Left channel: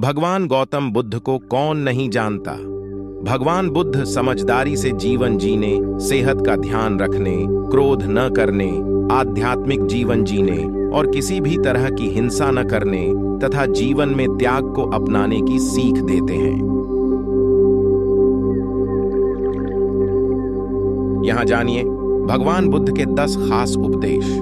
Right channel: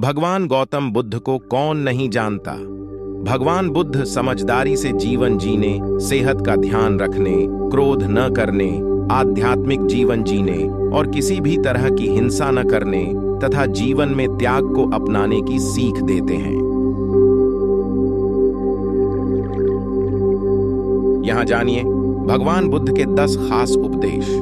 भगवान गौतम बुद्ध को कौन नहीं जानता। भगवान बुद्ध समझदारी से जीवन जीने, सेहत का ध्यान रखने, क्रोध न करने, आध्यात्मिक जीवन जीने और किसी भी तरह की हिंसा न करने तथा जीवन में त्याग को अपनाने की सीख देते हैं। यहां जानिए भगवान बुद्ध के 10 खास उपदेश।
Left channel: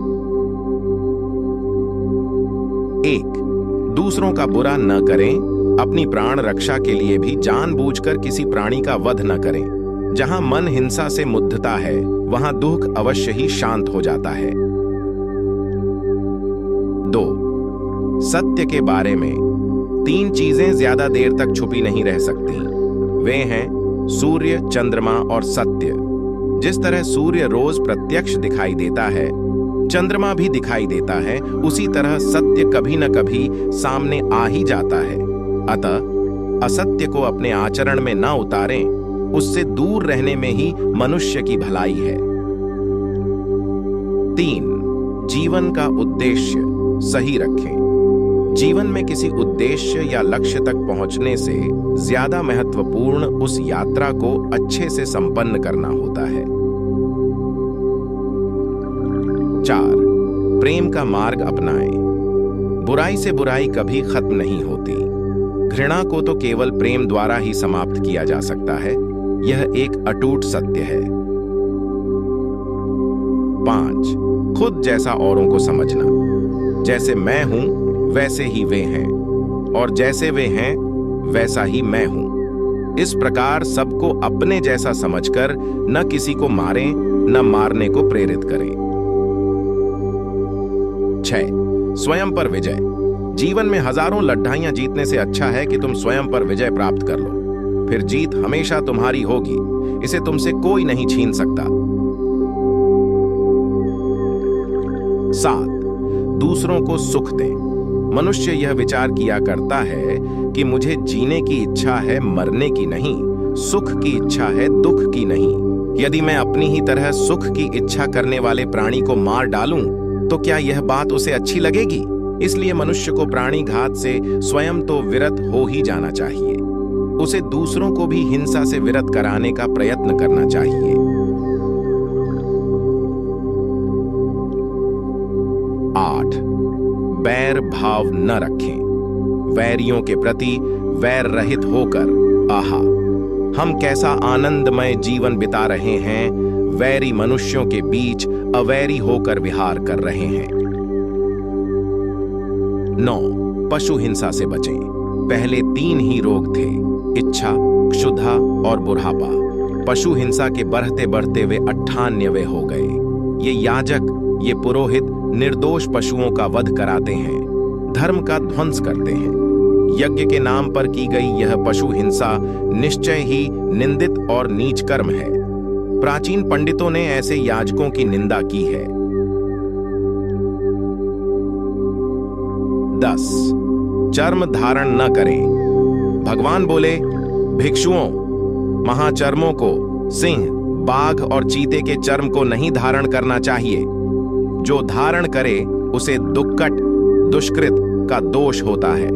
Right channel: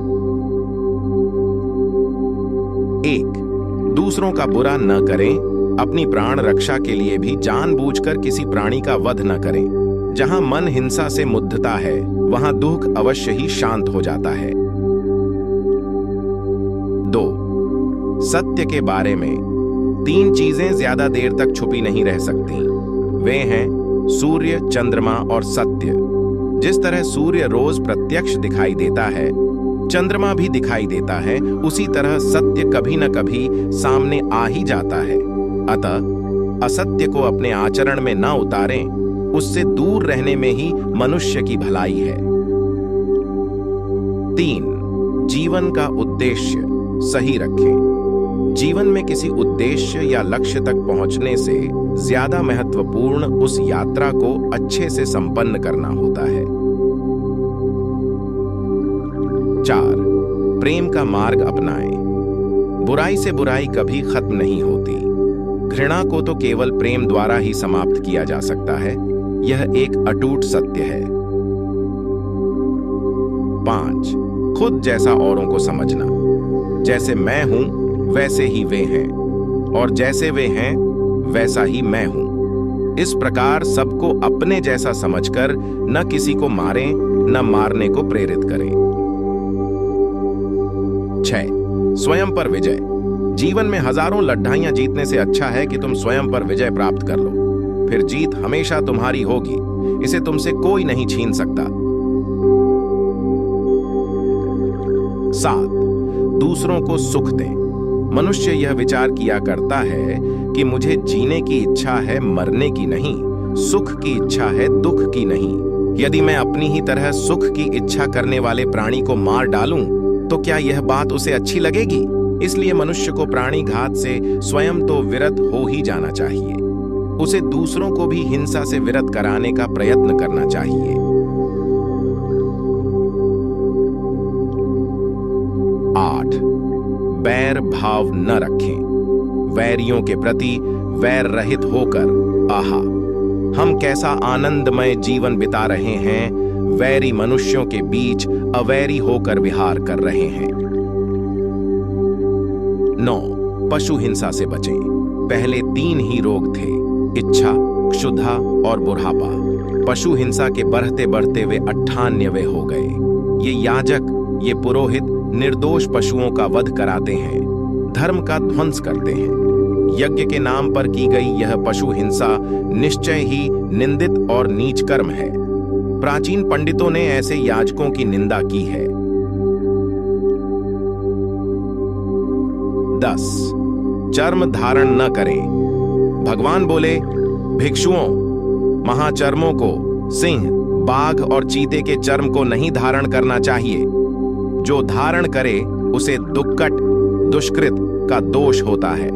1. दूसरों का बुरा न करें। अपनी प्राण रक्षा के लिए भी जानबूझकर किसी प्राणी का वध न करें। जहां मन हिंसा से मुग्धता है, वहां दुख अवश्य ही शांत हो जाता है। 2. सत्य के बारे में 3 चीजें ज्यादा देर तक छुपी नहीं रह सकती। वे हैं सूर्य, चंद्रमा और सत्य। जिस तरह सूर्य रोज प्रत्यक्ष दिखाई देता है, चंद्रमा भी दिखाई देता है, उसी तरह सत्य कभी न कभी सामने आ ही जाता है। अतः असत्य को अपने आचरण में न उतारें, उससे दूर रहने में ही मनुष्य की भलाई है। 3. जीवन का उद्देश्य सही रखें। जीवन में किसी उद्देश्य या लक्ष्य तक पहुंचने से ज्यादा महत्वपूर्ण उस यात्रा को अच्छे से संपन्न करना होता है। 4. प्रेम का मार्ग अपनाएं। बुराई से बुराई कभी खत्म नहीं होती। घृणा को तो केवल प्रेम द्वारा ही समाप्त किया जा सकता है। यह एक अटूट सत्य है। 5. खुद जैसा औरों को समझना। जैसे मैं हूं वैसे ही वे हैं, और जैसे वे हैं वैसा ही मैं हूं। इस प्रकार सबको अपने जैसा समझकर न किसी को मारें, न मारने को प्रेरित करें। 6. स्वयं पर विजय। जीवन में हजारों लड़ाइयां जीतने से अच्छा है कि तुम स्वयं पर विजय प्राप्त कर लो। फिर जीत हमेशा तुम्हारी होगी, इसे तुमसे कोई नहीं छीन सकता। 7. दूसरों को सुख दें। मनुष्य यह विचार किया करता है कि मुझे जीने की इच्छा है, मरने की नहीं। सुख की इच्छा है, दुख की नहीं। यदि मैं अपनी ही तरह सुख की इच्छा करने वाले प्राणी को मार डालूं, तो क्या यह बात उसे अच्छी लगेगी? इसलिए मनुष्य को प्राणी घात से स्वयं तो विरत हो ही जाना चाहिए। उसे दूसरों को भी हिंसा से विरत कराने का प्रयत्न करना चाहिए। 8. बैर भाव न रखें। वैरियों के प्रति वैर रहित होकर, आहा हम कैसा आनंदमय जीवन बिता रहे हैं, वैरी मनुष्यों के बीच अवैरी होकर विहार कर रहे हैं। 9. पशु हिंसा से बचें। पहले 3 ही रोग थे, इच्छा, क्षुधा और बुढ़ापा। पशु हिंसा के बढ़ते बढ़ते वे 98वें हो गए। ये याजक, ये पुरोहित निर्दोष पशुओं का वध कराते हैं, धर्म का ध्वंस करते हैं। यज्ञ के नाम पर की गई यह पशु हिंसा निश्चय ही निंदित और नीच कर्म है। प्राचीन पंडितों ने ऐसे याजकों की निंदा की है। 10. चर्म धारण न करें। भगवान बोले, भिक्षुओं, महाचर्मों को, सिंह, बाघ और चीते के चर्म को नहीं धारण करना चाहिए। जो धारण करे उसे दुक्कट, दुष्कृत का दोष होता है।